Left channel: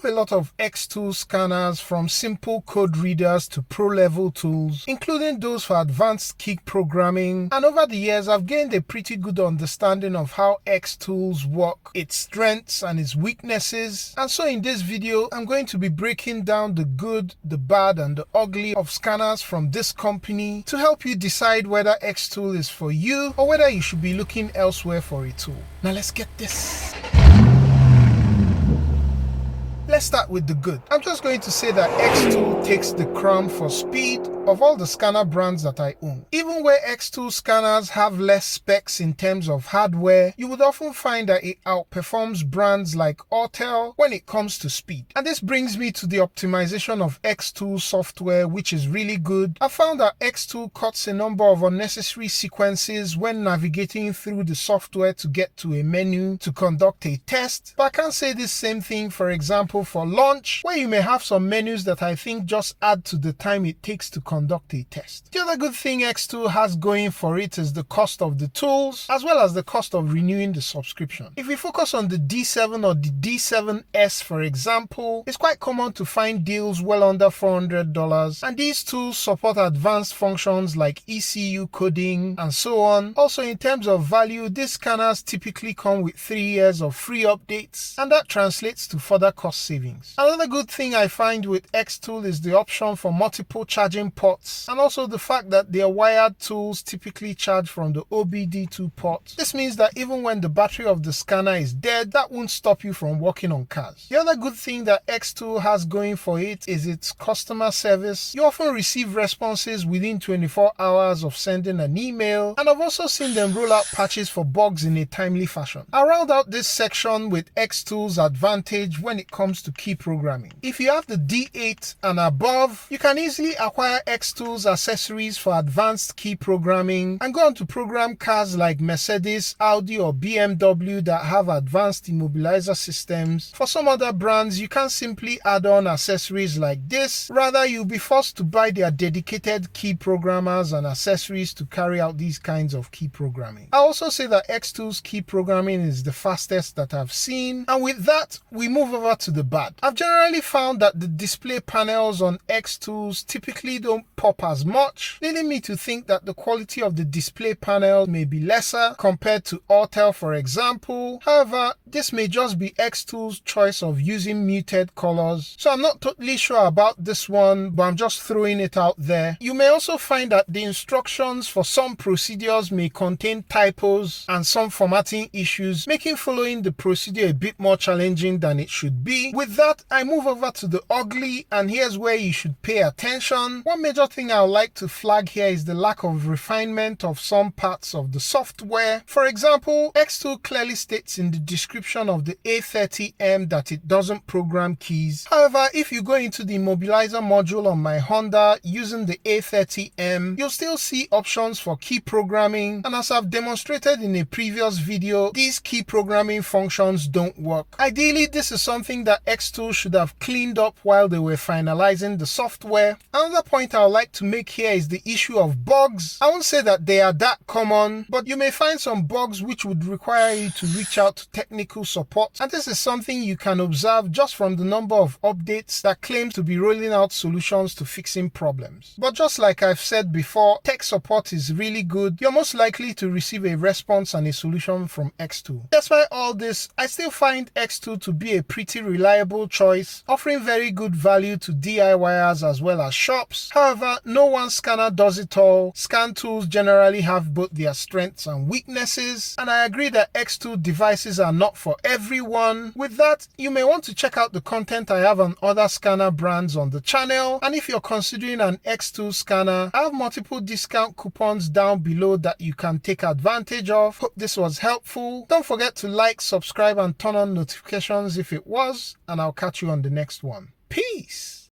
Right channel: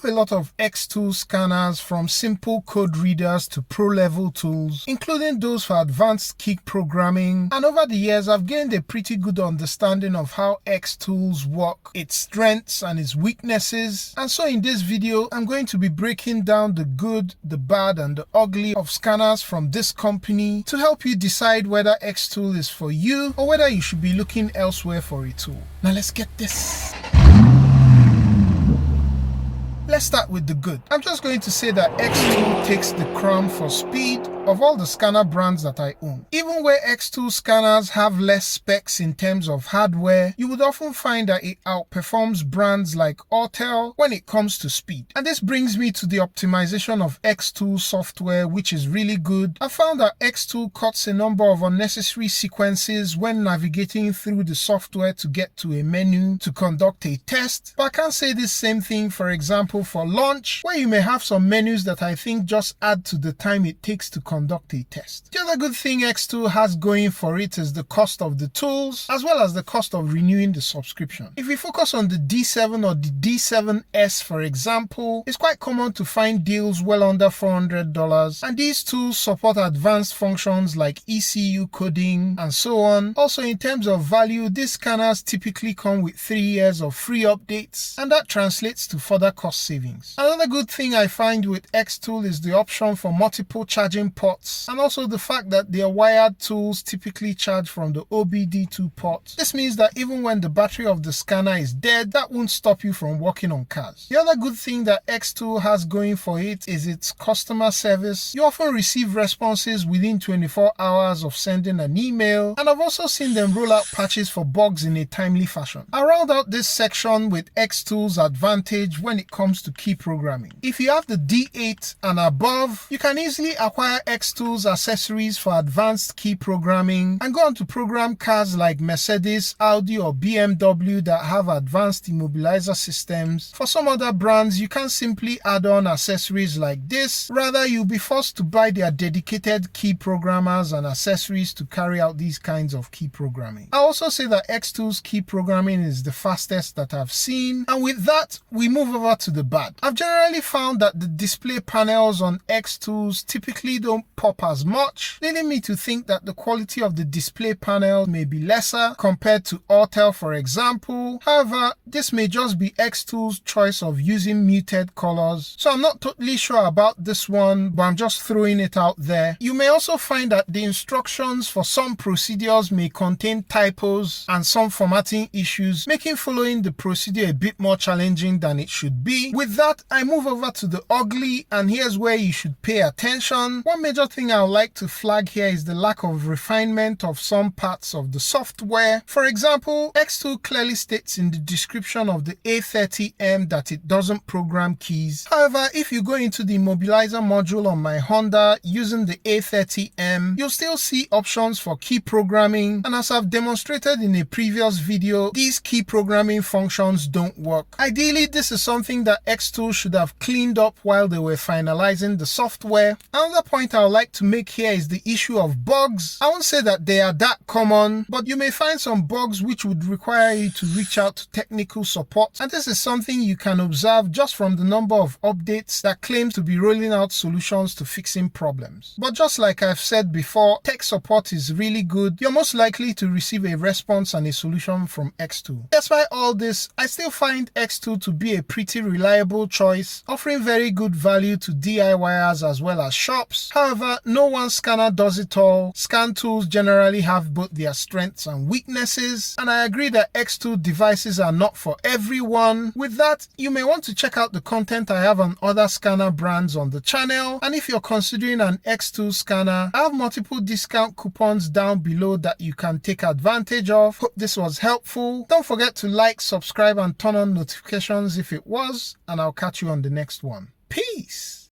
have a lot of XTOOL scanners, from simple code readers to pro-level tools, including those for advanced key programming, and over the years I've gained a pretty good understanding of how XTools work, its strengths and its weaknesses. And so in this video I'm going to be breaking down the good, the bad and the ugly of scanners from this company to help you decide whether XTOOL is for you or whether you should be looking elsewhere for a tool. Now let's get this. Let's start with the good. I'm just going to say that XTOOL takes the crown for speed of all the scanner brands that I own. Even where XTOOL scanners have less specs in terms of hardware, you would often find that it outperforms brands like Autel when it comes to speed. And this brings me to the optimization of XTOOL software, which is really good. I found that XTOOL cuts a number of unnecessary sequences when navigating through the software to get to a menu to conduct a test. But I can't say this same thing, for example, for launch, where you may have some menus that I think just add to the time it takes to conduct a test. The other good thing XTOOL has going for it is the cost of the tools, as well as the cost of renewing the subscription. If we focus on the D7 or the D7S, for example, it's quite common to find deals well under $400, and these tools support advanced functions like ECU coding and so on. Also, in terms of value, these scanners typically come with 3 years of free updates, and that translates to further cost savings. Another good thing I find with XTOOL is the option for multiple charging ports, and also the fact that their wired tools typically charge from the OBD2 port. This means that even when the battery of the scanner is dead, that won't stop you from working on cars. The other good thing that XTOOL has going for it is its customer service. You often receive responses within 24 hours of sending an email, and I've also seen them roll out patches for bugs in a timely fashion. I'll round out this section with XTOOL's advantage when it comes to key programming. If you have the D8 and above, you can easily acquire XTOOL's accessories for advanced key programming and go on to program cars like Mercedes, Audi or BMW that have advanced immobilizer systems. For some other brands, you can simply add on accessories like this. Rather, you'll be forced to buy their dedicated key programmers and accessories to carry out these kinds of key programming. I'll also say that XTOOL's key programming is the fastest that I've seen, and with that, we move over to the bad. I've generally found that the display panels on XTOOLs typically don't pop as much, leading me to think that the quality of the display panel may be lesser compared to Autel, for example. However, this may just be XTOOL's choice of using muted colors, so I'm not totally sure about this one, but I'm just throwing it out there. You may also find that the instructions for some procedures may contain typos and some formatting issues, making following the procedure a bit more challenging than it should be. With that, I move over to the ugly, and here's where you should pay attention. One major thing I would like to flag here is the lack of refinement of some parts of the software. For example, XTOOL clearly states in the description of the A30M that it doesn't program keys. However, if you go into the immobilizer module on my Honda using the A30M, you'll still see options for key programming, and as I've demonstrated in a previous video, these key programming functions don't work. Ideally, this is something that XTOOL should have cleaned up while they were finalizing the software. Another point I would like to make here is the issue of bugs. I won't say that they are that common, but you may find some bugs which would require you to reach out to technical support, and this is something you can observe just from the number of updates that claim to be rolling out solutions to fixing problems. But just like I've said before, tech support is really good. You're most likely to receive a response and a solution from XTOOL. Despite all this, I still find XTOOL to be a pretty reliable choice, offering very good value to DIYers as well as shops. However, no one scanner does it all. Scan tools generally have both their strengths and weaknesses, and I agree that XTOOL devices are not for everyone. With that, you may want to check out the content I have on other scanner brands on the channel, and if you're considering an XTOOL scanner, I have multiple discount coupons down below that you can take advantage of. Hope this was helpful. Don't forget to like, subscribe and turn on notifications if it was, and I'll catch you on the next one. Peace!